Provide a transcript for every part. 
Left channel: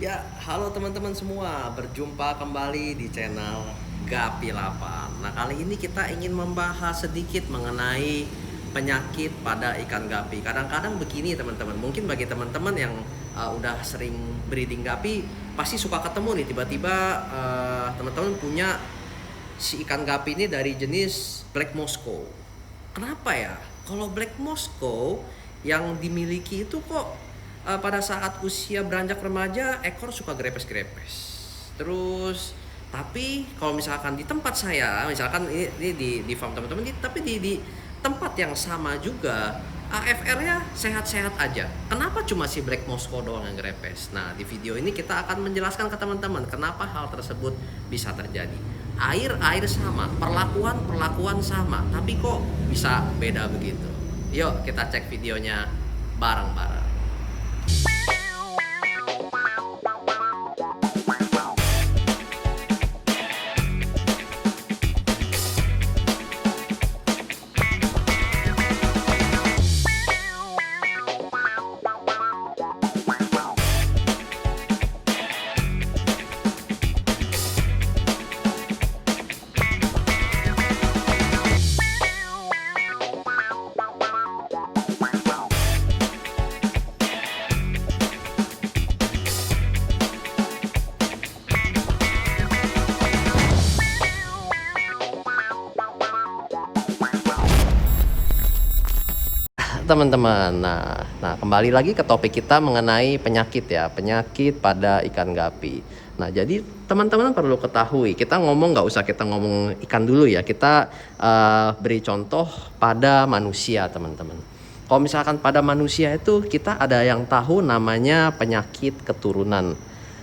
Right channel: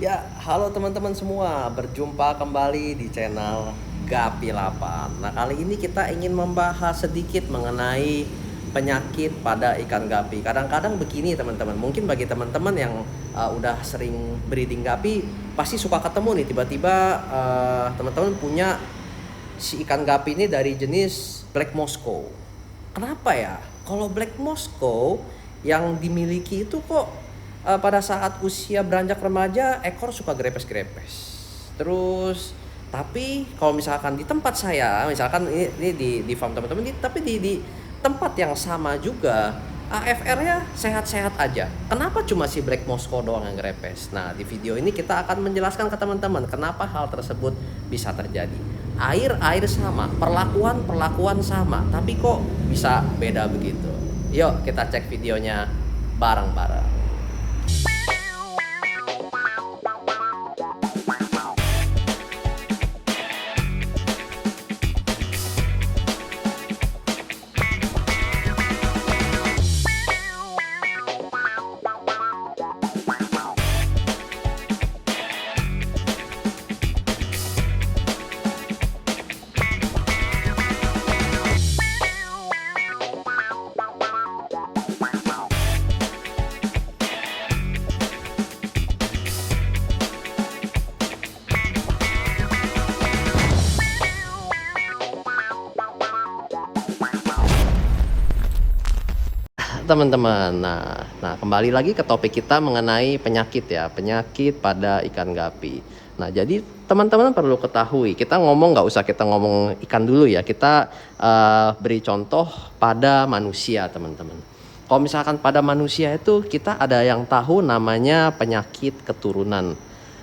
Ya, halo teman-teman semua, berjumpa kembali di channel Gapi 8. Nah, kali ini kita ingin membahas sedikit mengenai penyakit pada ikan gapi. Kadang-kadang begini teman-teman, mungkin bagi teman-teman yang udah sering breeding gapi, pasti suka ketemu nih tiba-tiba teman-teman punya si ikan gapi ini dari jenis Black Moscow. Kenapa ya? Kalau Black Moscow yang dimiliki itu kok pada saat usia beranjak remaja ekor suka grepes-grepes. Terus tapi kalau misalkan di tempat saya, misalkan ini di farm teman-teman, tapi di tempat yang sama juga AFR-nya sehat-sehat aja. Kenapa cuma si Black Moscow doang yang grepes? Nah, di video ini kita akan menjelaskan ke teman-teman kenapa hal tersebut bisa terjadi. Air sama, perlakuan sama, tapi kok bisa beda begitu. Yuk kita cek videonya bareng-bareng. Teman-teman, nah kembali lagi ke topik kita mengenai penyakit ya, penyakit pada ikan gapi. Nah, jadi teman-teman perlu ketahui, kita ngomong nggak usah kita ngomong ikan dulu ya, kita beri contoh pada manusia teman-teman. Kalau misalkan pada manusia itu kita ada yang tahu namanya penyakit keturunan.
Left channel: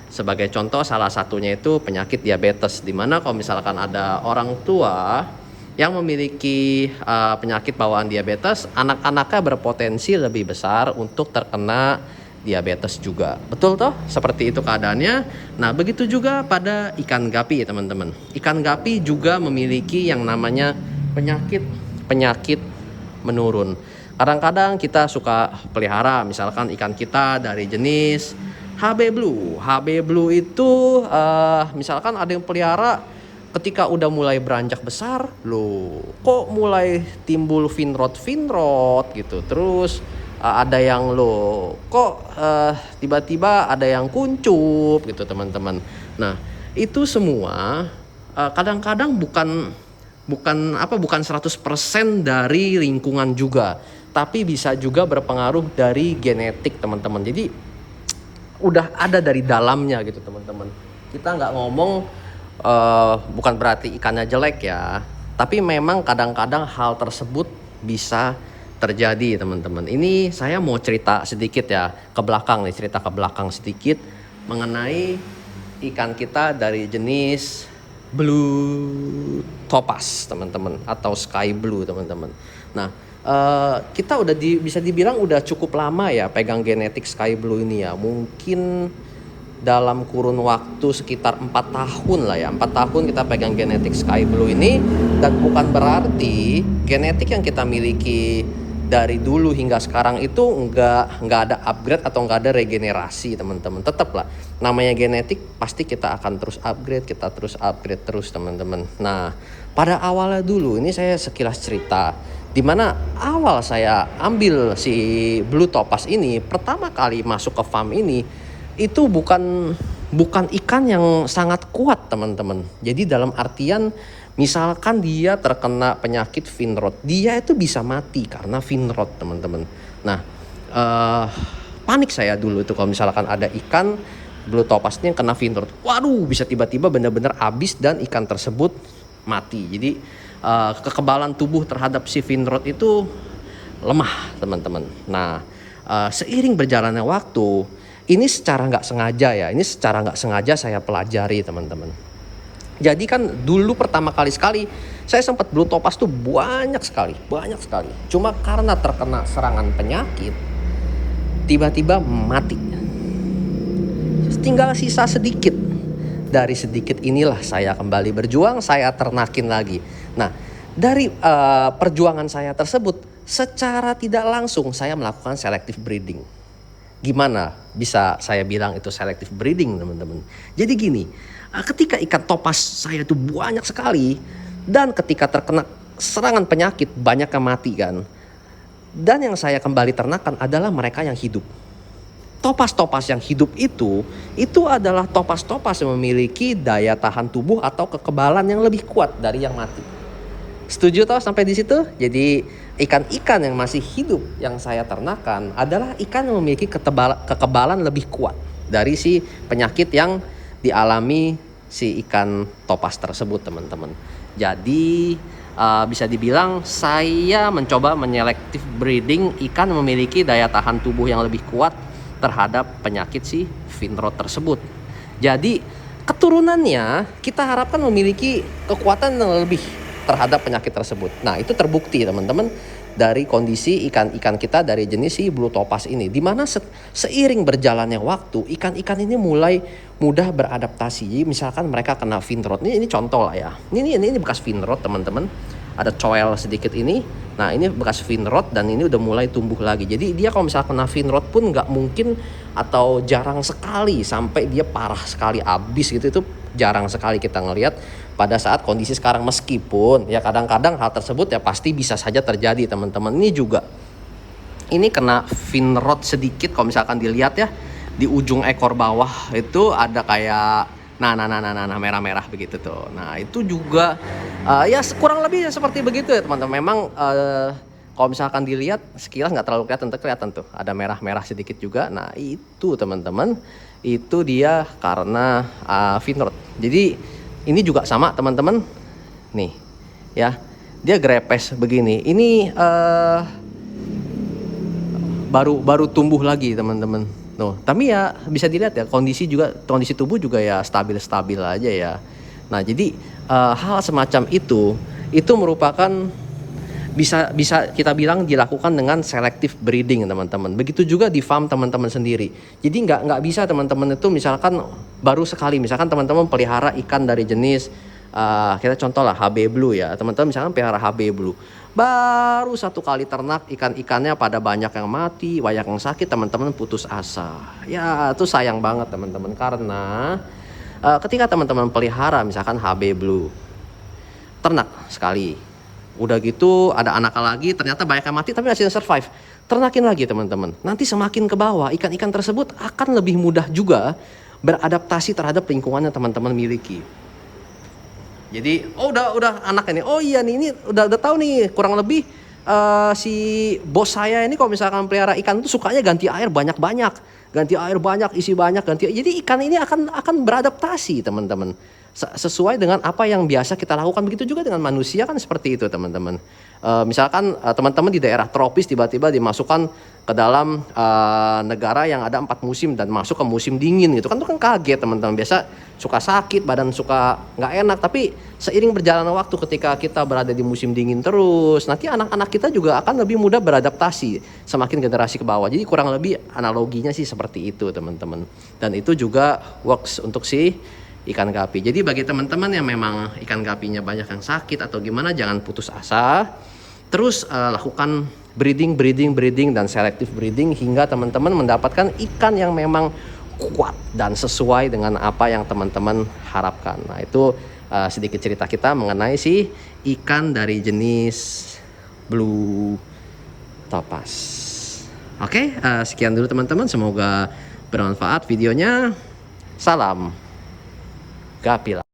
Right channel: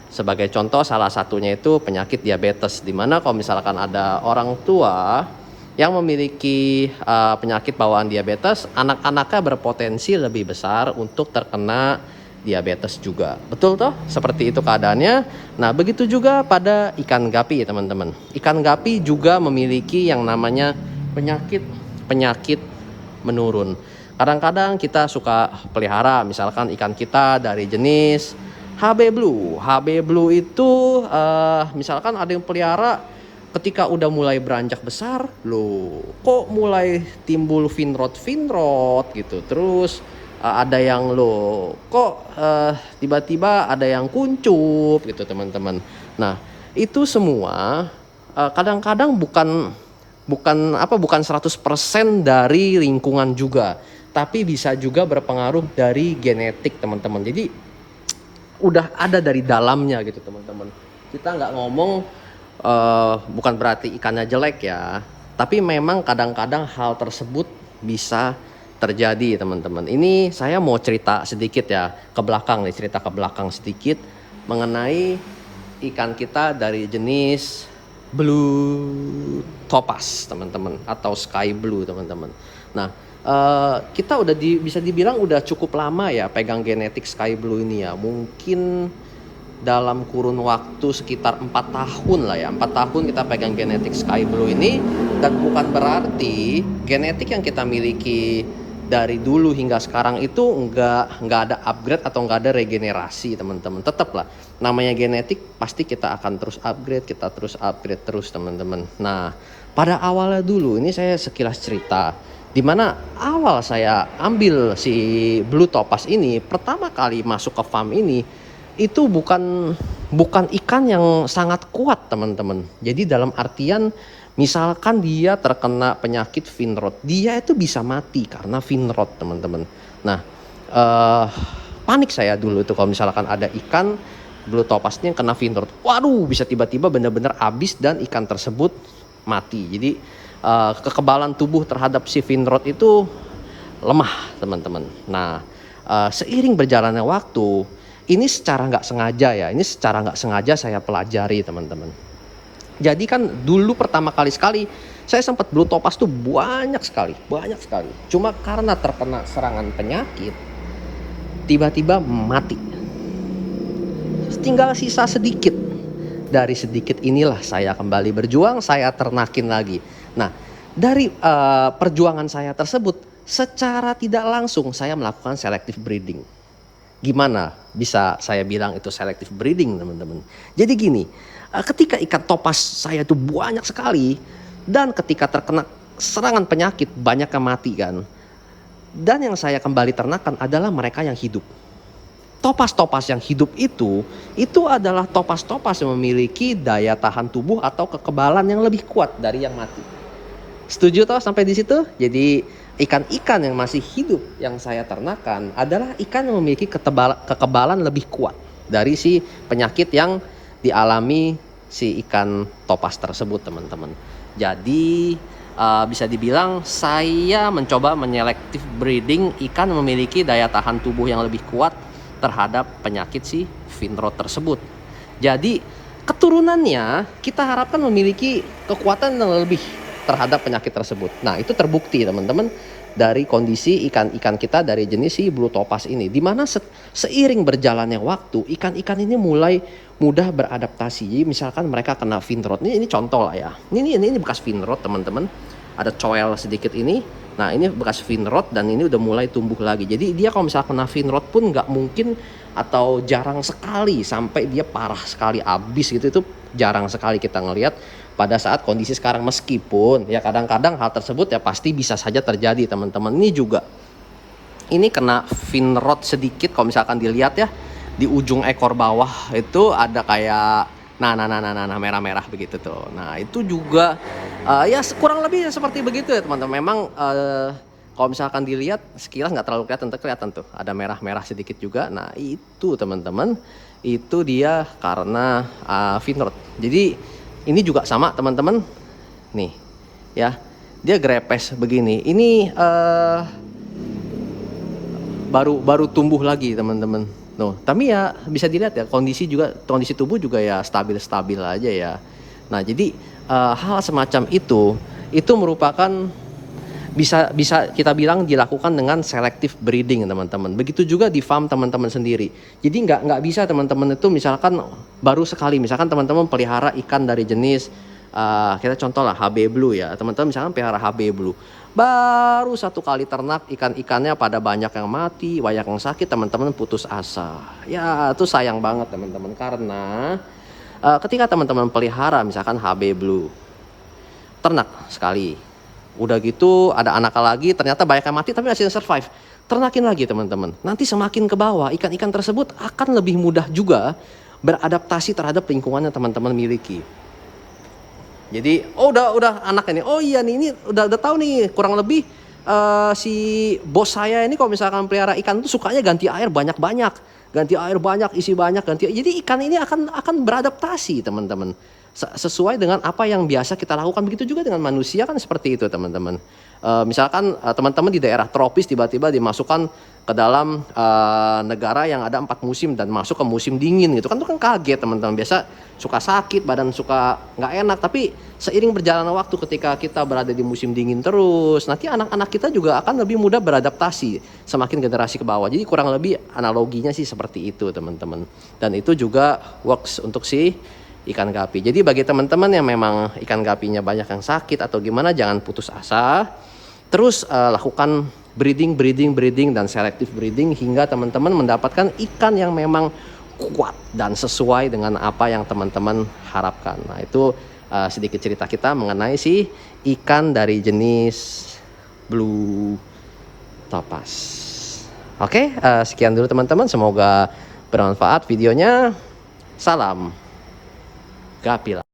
Sebagai contoh salah satunya itu penyakit diabetes, dimana kalau misalkan ada orang tua yang memiliki penyakit bawaan diabetes, anak-anaknya berpotensi lebih besar untuk terkena diabetes juga. Betul toh? Seperti itu keadaannya. Nah, begitu juga pada ikan gapi ya teman-teman. Ikan gapi juga memiliki yang namanya penyakit menurun. Kadang-kadang kita suka pelihara misalkan ikan kita dari jenis HB Blue. HB Blue itu misalkan ada yang pelihara, ketika udah mulai beranjak besar, loh kok mulai timbul finrod gitu. Terus ada yang loh kok tiba-tiba ada yang kuncup gitu teman-teman. Nah, itu semua kadang-kadang bukan 100% dari lingkungan juga, tapi bisa juga berpengaruh dari genetik teman-teman. Jadi udah ada dari dalamnya gitu teman-teman. Kita nggak ngomong bukan berarti ikannya jelek ya, tapi memang kadang-kadang hal tersebut bisa terjadi teman-teman. Ini saya mau cerita sedikit ya ke belakang nih, cerita ke belakang sedikit mengenai ikan kita dari jenis blue topaz teman-teman, atau sky blue teman-teman. Nah, kita udah bisa dibilang udah cukup lama ya pegang genetik sky blue ini ya, mungkin dalam kurun waktu sekitar 4 tahun lah ya. 4 tahun kita pegang genetik sky blue ini, dan bukan berarti genetik yang kita miliki dari dulu hingga sekarang itu nggak ada upgrade atau nggak ada regenerasi teman-teman. Tetap lah, namanya genetik pasti kita akan terus upgrade, kita terus upgrade terus teman-teman. Nah, pada awalnya dulu ini saya sekilas cerita, dimana awal saya ambil si blue topaz ini, pertama kali masuk ke farm ini itu bukan ikan yang sangat kuat teman-teman. Jadi dalam artian misalkan dia terkena penyakit finrod, dia itu bisa mati karena finrod teman-teman. Nah, panik saya dulu tuh kalau misalkan ada ikan blue topaznya yang kena finrod. Waduh, bisa tiba-tiba benar-benar habis dan ikan tersebut mati. Jadi kekebalan tubuh terhadap si finrod itu lemah teman-teman. Nah, seiring berjalannya waktu, ini secara nggak sengaja saya pelajari teman-teman. Jadi kan dulu pertama kali saya sempat blue topaz tuh banyak sekali. Cuma karena terkena serangan penyakit, tiba-tiba mati. Tinggal sisa sedikit. Dari sedikit inilah saya kembali berjuang, saya ternakin lagi. Nah, dari perjuangan saya tersebut, secara tidak langsung saya melakukan selective breeding. Gimana bisa saya bilang itu selective breeding, teman-teman? Jadi gini, ketika ikan topaz saya itu banyak sekali, dan ketika terkena serangan penyakit banyak yang mati kan, dan yang saya kembali ternakan adalah mereka yang hidup. Topaz-topaz yang hidup itu adalah topaz-topaz yang memiliki daya tahan tubuh atau kekebalan yang lebih kuat dari yang mati. Setuju toh sampai di situ? Jadi ikan-ikan yang masih hidup yang saya ternakan adalah ikan yang memiliki kekebalan lebih kuat dari si penyakit yang dialami si ikan topaz tersebut, teman-teman. Jadi bisa dibilang saya mencoba menyelektif breeding ikan yang memiliki daya tahan tubuh yang lebih kuat terhadap penyakit si fin rot tersebut. Jadi keturunannya kita harapkan memiliki kekuatan yang lebih terhadap penyakit tersebut. Nah, itu terbukti teman-teman dari kondisi ikan-ikan kita dari jenis si blue topaz ini, dimana seiring berjalannya waktu ikan-ikan ini mulai mudah beradaptasi. Jadi misalkan mereka kena fin rot, ini contoh lah ya. Ini bekas fin rot, teman-teman. Ada coel sedikit ini. Nah, ini bekas fin rot dan ini udah mulai tumbuh lagi. Jadi dia kalau misalkan kena fin rot pun nggak mungkin atau jarang sekali sampai dia parah sekali habis gitu, itu jarang sekali kita ngelihat pada saat kondisi sekarang. Meskipun ya kadang-kadang hal tersebut ya pasti bisa saja terjadi, teman-teman. Ini juga ini kena fin rot sedikit, kalau misalkan dilihat ya di ujung ekor bawah itu ada kayak nah merah-merah begitu tuh. Nah, itu juga ya kurang lebih seperti begitu ya, teman-teman. Memang kalau misalkan dilihat sekilas nggak terlalu kelihatan tuh ada merah-merah sedikit juga. Nah, itu teman-teman, itu dia karena fin rot. Jadi ini juga sama, teman-teman. Nih ya, dia grepes begini. Ini baru tumbuh lagi, teman-teman. No, tapi ya bisa dilihat ya kondisi tubuh juga ya stabil aja ya. Nah, jadi hal semacam itu merupakan bisa kita bilang dilakukan dengan selective breeding, teman-teman. Begitu juga di farm teman-teman sendiri. Jadi nggak bisa teman-teman itu misalkan baru sekali, misalkan teman-teman pelihara ikan dari jenis kita contoh lah HB Blue ya, teman-teman misalkan pelihara HB Blue, baru satu kali ternak ikan-ikannya pada banyak yang mati, banyak yang sakit, teman-teman putus asa. Ya itu sayang banget, teman-teman, karena ketika teman-teman pelihara misalkan HB Blue, ternak sekali, udah gitu ada anak lagi, ternyata banyak yang mati tapi masih survive, ternakin lagi, teman-teman. Nanti semakin ke bawah ikan-ikan tersebut akan lebih mudah juga beradaptasi terhadap lingkungan yang teman-teman miliki. Jadi udah anak ini, oh iya nih, ini udah tahu nih kurang lebih si bos saya ini kalau misalkan pelihara ikan itu sukanya ganti air banyak, isi banyak, jadi ikan ini akan beradaptasi, teman-teman, sesuai dengan apa yang biasa kita lakukan. Begitu juga dengan manusia kan seperti itu, teman-teman. Misalkan teman-teman di daerah tropis tiba-tiba dimasukkan ke dalam negara yang ada 4 musim dan masuk ke musim dingin gitu kan, itu kan kaget, teman-teman. Biasa suka sakit badan, suka nggak enak. Tapi seiring berjalannya waktu, ketika kita berada di musim dingin terus, nanti anak-anak kita juga akan lebih mudah beradaptasi semakin generasi ke bawah. Jadi kurang lebih analoginya sih seperti itu, teman-teman. Dan itu juga works untuk si ikan gapi. Jadi bagi teman-teman yang memang ikan gapinya banyak yang sakit atau gimana, jangan putus asa. Terus lakukan breeding dan selective breeding hingga teman-teman mendapatkan ikan yang memang kuat dan sesuai dengan apa yang teman-teman harapkan. Nah, itu sedikit cerita kita mengenai si ikan dari jenis blue topaz. Oke, sekian dulu teman-teman, semoga bermanfaat videonya. Salam Gapila.